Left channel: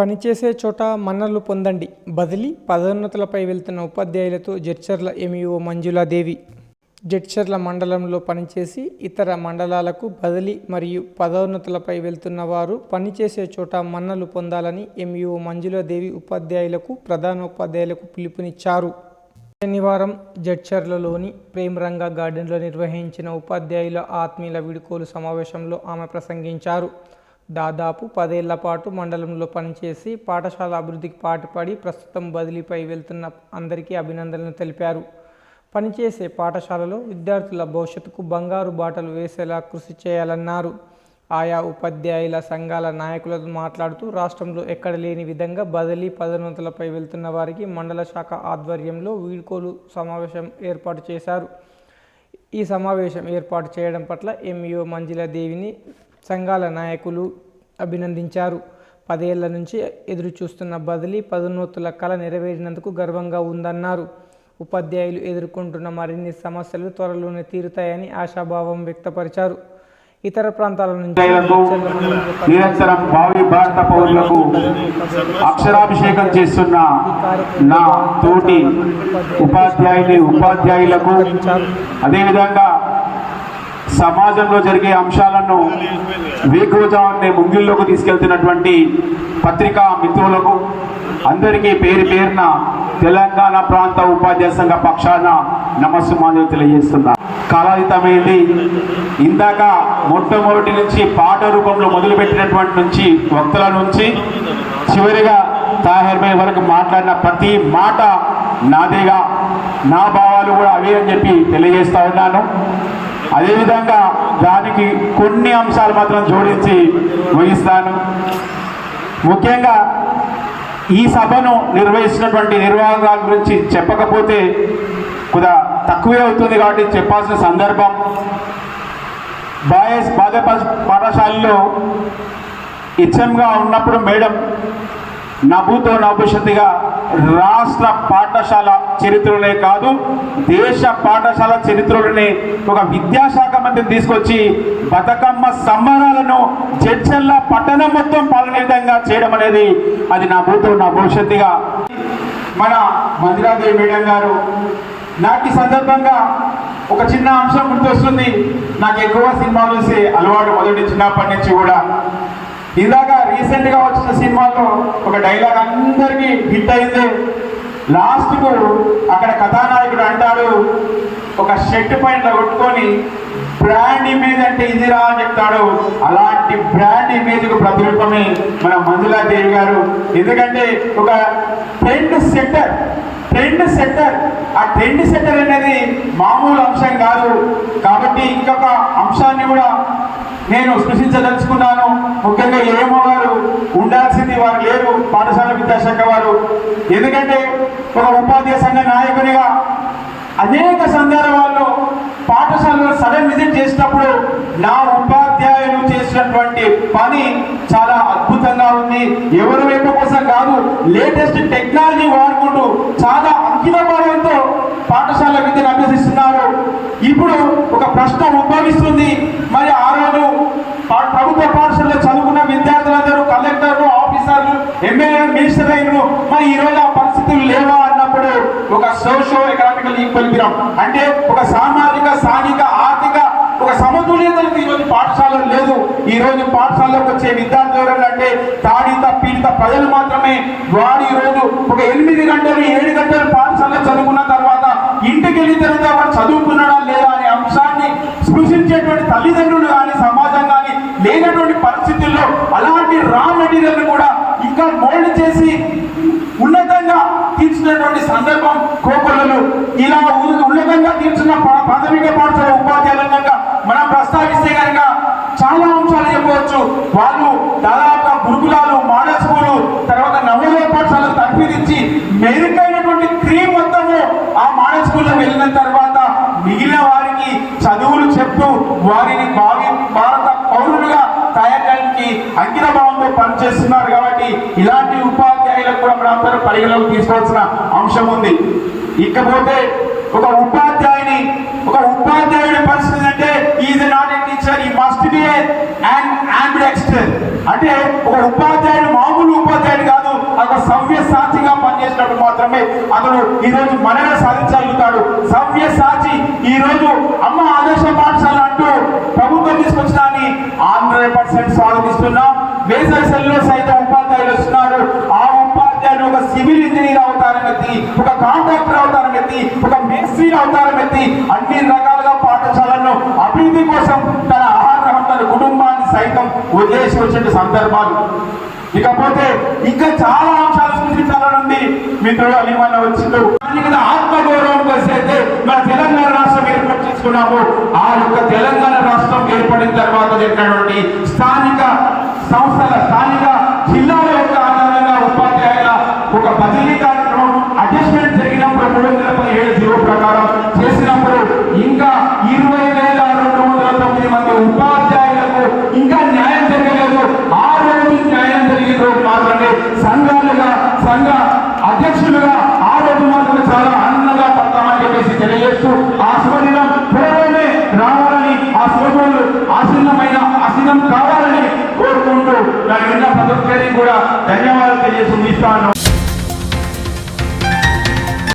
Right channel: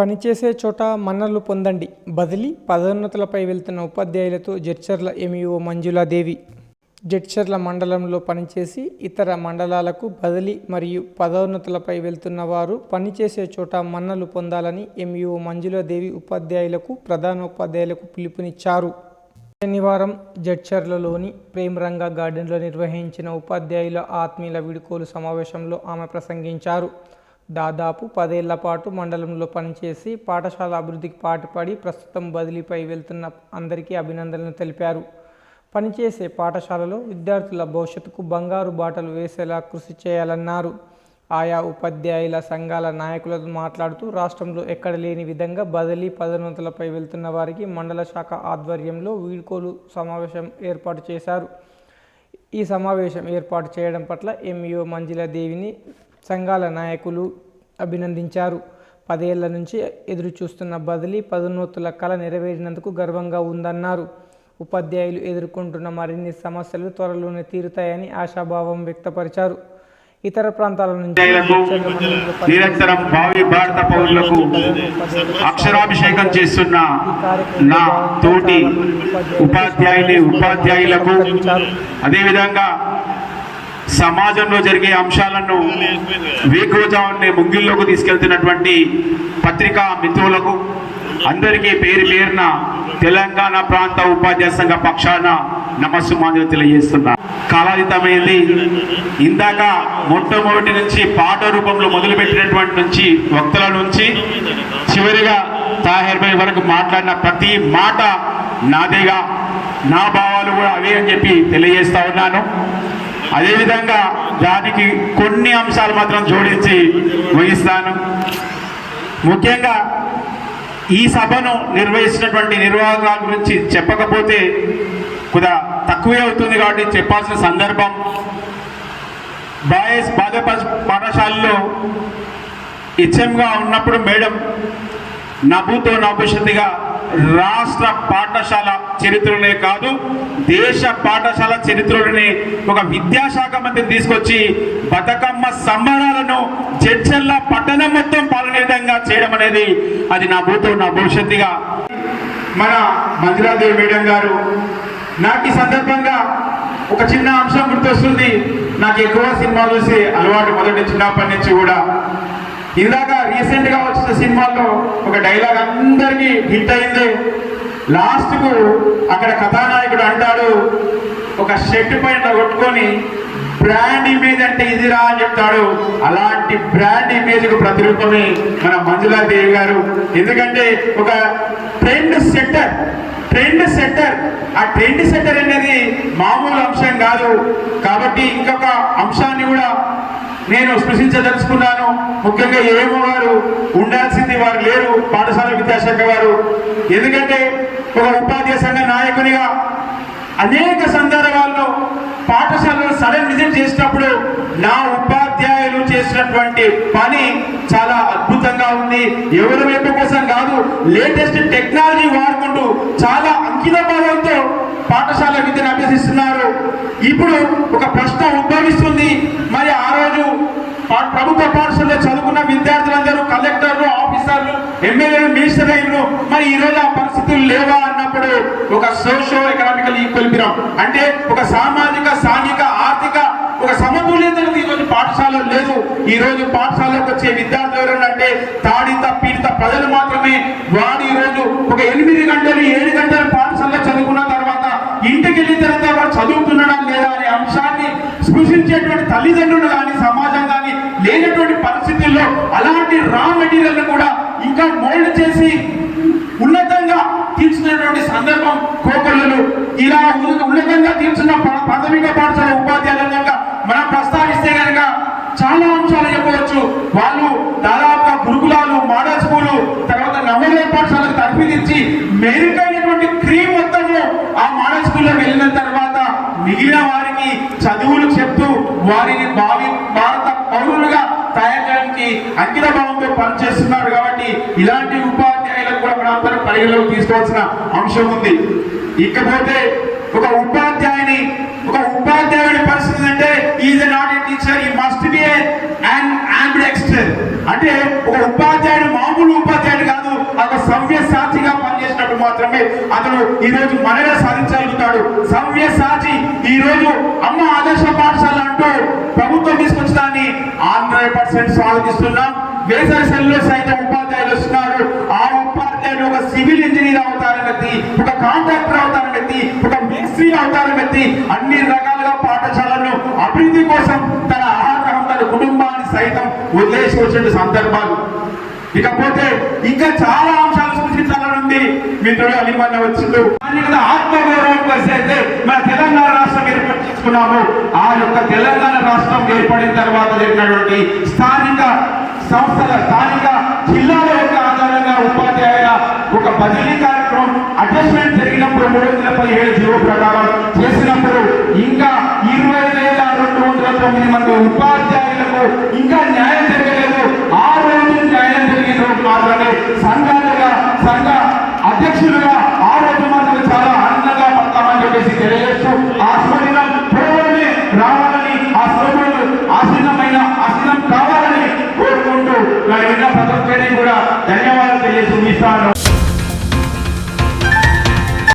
పనిచేసే చోట మన్నలు పొందండి. బదిలీ పదోన్నతులపై వెళ్తున్న ఉపాధ్యాయులతో జడ్చర్ల ఎంఈఓ మంజులాదేవి. జడ్చర్ల మండలంలో పనిచేసి ఇతర మండలాలకు బదిలీ మరియు పదోన్నతులపై వెళ్తున్న వారు పనిచేసే చోట మన్నలు పొందాలని ఎంఈఓ మంజులాదేవి ఉపాధ్యాయులకు ప్రధాన ఉపాధ్యాయులకు పిలుపునిచ్చారు. శనివారం జడ్చర్లలోని ప్రేమరంగ గార్డెన్లో నిర్వహించిన ఉపాధ్యాయుల ఆత్మీయుల వీడుకోలు సమావేశంలో ఆమె ప్రసంగించారు. దాదాపు పదేళ్ళ పాటు మండలంలో పనిచేసి పాఠశాల అభివృద్ధికి పాటుపడి ప్రస్తుతం బదిలీపై వెళ్తున్న అందరికీ అభినందనలు తెలిపారు. పనిచేసే పాఠశాలలో విద్యార్థుల భవిష్యత్తుకు బంగారు బాటలు వేసేలా కృషి చేయాలన్నారు. ఆయా ఉపాధ్యాయుల సంఘాల నాయకులతో మాట్లాడుతూ రాష్ట్రంలో ఎక్కడ లేని విధంగా బదిలీ పదోన్నతులపై వెళ్తున్న వారికి మండల శాఖ ఆధ్వర్యంలో వీడ్కోలు సమావేశం ఏర్పాటు చేశారు. ఈ సమావేశం ఏర్పాటు చేయడం పట్ల ఎంఈఓ మంజులాదేవిని సంఘాల నాయకులు అభినందించారు. పదేళ్ళ నుంచి ఎదురు చూస్తున్న బదిలీ పదోన్నతుల కళ నెరవేరినందుకు గర్వంగా ఉందన్నారు. ఉపాధ్యాయులు ఎదుర్కొంటున్న మరిన్ని సమస్యలు త్వరలోనే తీరుతాయని ఆశాభావం వ్యక్తపరిచారు. ఇతర ప్రాంతాల నుంచి నిరంతరం భావి భారత పౌరులకు అక్షరాభిషేకం చేస్తున్న నా తోటి ఉపాధ్యాయుని ఉపాధ్యాయులకు అదేవిధంగా సమాజంలో జరిగే అంశాలను వేకోజాన్ని ముంగిల్లోకి తీసుకెళ్తున్నటువంటి పత్రికా మిత్రులకు అందరికీ పేరు పేరున తెలంగాణ ప్రాంత ఉపాధ్యాయ సంఘ పక్షాన నమస్సుమాంజలు తెలియజేస్తున్నా. కాలాతీతమైంది. ఇందాక మొట్టమొదటి నుంచి పాట రూపంలో మొదలుపెట్టినటువంటి నుంచి వక్తల నుంచి చివరిగా తాహెర్ వరకు మాట్లాడిన ప్రతి మాట నాదేగా నా భావాలు కూడా అవే అని చెప్పి తెలియజేస్తా ఉన్నాను. అదేవిధంగా దానికి కొన్ని అంశాలు మాత్రం జోడించి ముగిస్తాను. ముఖ్యంగా ఈ సభను నిర్వహిస్తున్నటువంటి నిర్వాహకాల గురించి చెప్పకపోతే కొద్దిగా తక్కువే అవుతుంది కాబట్టి చెప్పాల్సిన సందర్భం. బాయస్ బాధ్య పాఠశాలలో ఇచ్చంగా ఉన్నప్పుడు మేడం నభూతో నభవిష్యత్తుగా రాష్ట్ర పాఠశాల చరిత్రలోనే కాదు దేశ పాఠశాల చరిత్రలోనే ఒక విద్యాశాఖ మంత్రిని తీసుకొచ్చి బతుకమ్మ సంబరాలను జడ్చల్ల పట్టణం మొత్తం పాలనే విధంగా చేయడం అనేది అది నా భూతో నా భవిష్యత్తుగా. మన మంజులాదేవి మేడం గారు నాకు ఈ సందర్భంగా ఒక చిన్న అంశం గుర్తొస్తుంది. నాకు ఎక్కువ సినిమాలు చూసే అలవాటు మొదటి చిన్నప్పటి నుంచి కూడా ఇందాక రీసెంట్గా వచ్చిన సినిమాల్లో ఒక డైలాగ్ అందరికీ హిట్ అయింది. లాస్ట్కు అక్కడ కథానాయకుడు అంటాడు ఒక షర్ట్ పైన కొట్టుకొని బ్రాండ్ ఇమేజ్ అంటే ఇదిరా అని చెప్తాడు. అలాంటి బ్రాండ్ ఇమేజ్కు ప్రతిరూపమే మన మంజులా దేవి గారు. ఎందుకంటే ఒక ట్రెండ్ సెట్టర్ ట్రెండ్ సెట్టర్. ఆ ట్రెండ్ సెట్టర్ అనేది మామూలు అంశం కాదు. కాబట్టి ఇంకొక అంశాన్ని కూడా నేను స్పృశించదలుచుకున్నాను. ముఖ్యంగా ఏమో వారు ఉండాల్సింది వారు లేరు. పాఠశాల విద్యాశాఖ వారు. ఎందుకంటే ఒక ఉపాధ్యాయ సంఘ నాయకునిగా అనేక సందర్భాలు నా ఉపాధ్యాయులు చేసినటువంటి పని చాలా అద్భుతంగా ఉంది. ఎవరి వైపు కోసం కాదు లేటెస్ట్ టెక్నాలజీ వాడుకుంటూ చాలా అంకిత భావంతో పాఠశాల విద్యను అభ్యసిస్తున్నారు. ఇప్పుడు ఒక ప్రశ్న ఉద్భవిస్తుంది. మరి ఆ రోజు పా- ప్రభుత్వ పాఠశాలలో చదువుకున్న విద్యార్థులందరూ కలెక్టర్లు ఆఫీసర్లు ఎమ్మెల్యేలు మినిస్టర్ అయినరు. మరి ఈ రోజు ఆ పరిస్థితులు లేవా అన్నప్పుడు ఒక సోషో ఎకనామికల్ ఈక్వల్ అంటే ఒక సామాజిక సాంఘిక ఆర్థిక ఒక సమతుల్యతలకు ఈ రోజు పాఠశాలలు లేదు ఈ రోజు పాఠశాలకు వచ్చే విద్యార్థులు ఎవరన్నా అంటే తాడిత పీడిత ప్రజలు మాత్రమే. వారు ఈ రోజు ఒక ఎనిమిది గంటలు ఏడు గంటలు పాఠశాలలో చదువుకున్న తర్వాత ఇంటికి వెళ్ళిన తర్వాత వాడు చదువుతున్నాడా లేదా అనే అంశాన్ని స్పృశించేటువంటి తల్లిదండ్రులు కానీ సమాజం కానీ లేనటువంటి పరిస్థితుల్లో అలాంటి రా మెటీరియల్ కూడా ఇంకా మోల్డ్ చేసి ఉన్నతంగా తీర్చినటువంటి సందర్భం కోకొల్లలు. ఇలా ఉన్నతంగా తీర్చిన ప్రాథమిక పాఠశాల ఉపాధ్యాయులంగా మన ప్రస్తావిస్తే కనుక చాలా అంశాలు వాళ్ళు దాదాపు గురుకులాలు మోడల్ స్కూలు తర్వాత నవోదయ పాఠశాలకు తర్ఫీదిచ్చి మెరుగైనటువంటి క్రీమ్ మొత్తము ఆ మోడల్ స్కూల్లో వెళ్ళిన తర్వాత మిగిలిన వారికి చదువులు చెప్తూ వారిని భావి భారత పౌరులుగా తయారు చేయడానికి అంకిత భావంతో పనిచేస్తున్నారు కాబట్టి ఇలాంటి ఉపాధ్యాయులకు కూడా మనం పరిగణలోకి తీసుకోవాల్సిన అంశం ఉంది. ఇకపోతే ఒక ఉపాధ్యాయుని ఒక ఉపాధ్యాయుడి పరిస్థితి అంటే ఈజ్ నాట్ ఏ టీచర్ ఈ మస్ట్ అంటే ఒక ఉపాధ్యాయుడు మామూలు ఉపాధ్యాయుడు కాదు సవ్య సాచిగా పనిచేసినప్పుడు మాత్రమే అతను ఈ రోజు మనలో సాధించగలుగుతాడు. సవ్య సాచి ఈ రోజు అమ్మ ఆదర్శ పాఠశాల అంటూ ప్రభుత్వం తీసుకొచ్చడాన్ని హండ్రెడ్ పర్సెంట్ స్వాగతిస్తున్నాం వేసవి సెల్లో సైతం ఉపాధ్యాయులు వస్తున్నారు. ఆ ఉపాధ్యాయులు ఒక సివిల్ ఇంజనీర్ అవుతారని వ్యక్తి ఒక కాంట్రాక్టర్ అవుతారని వ్యక్తి ఒక మేస్త్రి అవుతారని వ్యక్తి అన్ని రకాలుగా పాఠశాలను అభివృద్ధి కోసం తన సైతం వదిలేసి వచ్చిన సందర్భాలు. ఇకపోతే ఇంకా చాలా అంశాలు సృష్టించాలని ఉంది మిత్రుడు అలిమన్న వచ్చిండు స్థానికత ఆత్మగౌరవం మన తెలంగాణ రాష్ట్రం ఏర్పాటు చేసుకున్నాము. ఆ యొక్క తెలంగాణ రాష్ట్రం ఏర్పడిన తర్వాత జరిగినటువంటి స్థానిక సంస్థల స్థానిక జిల్లాల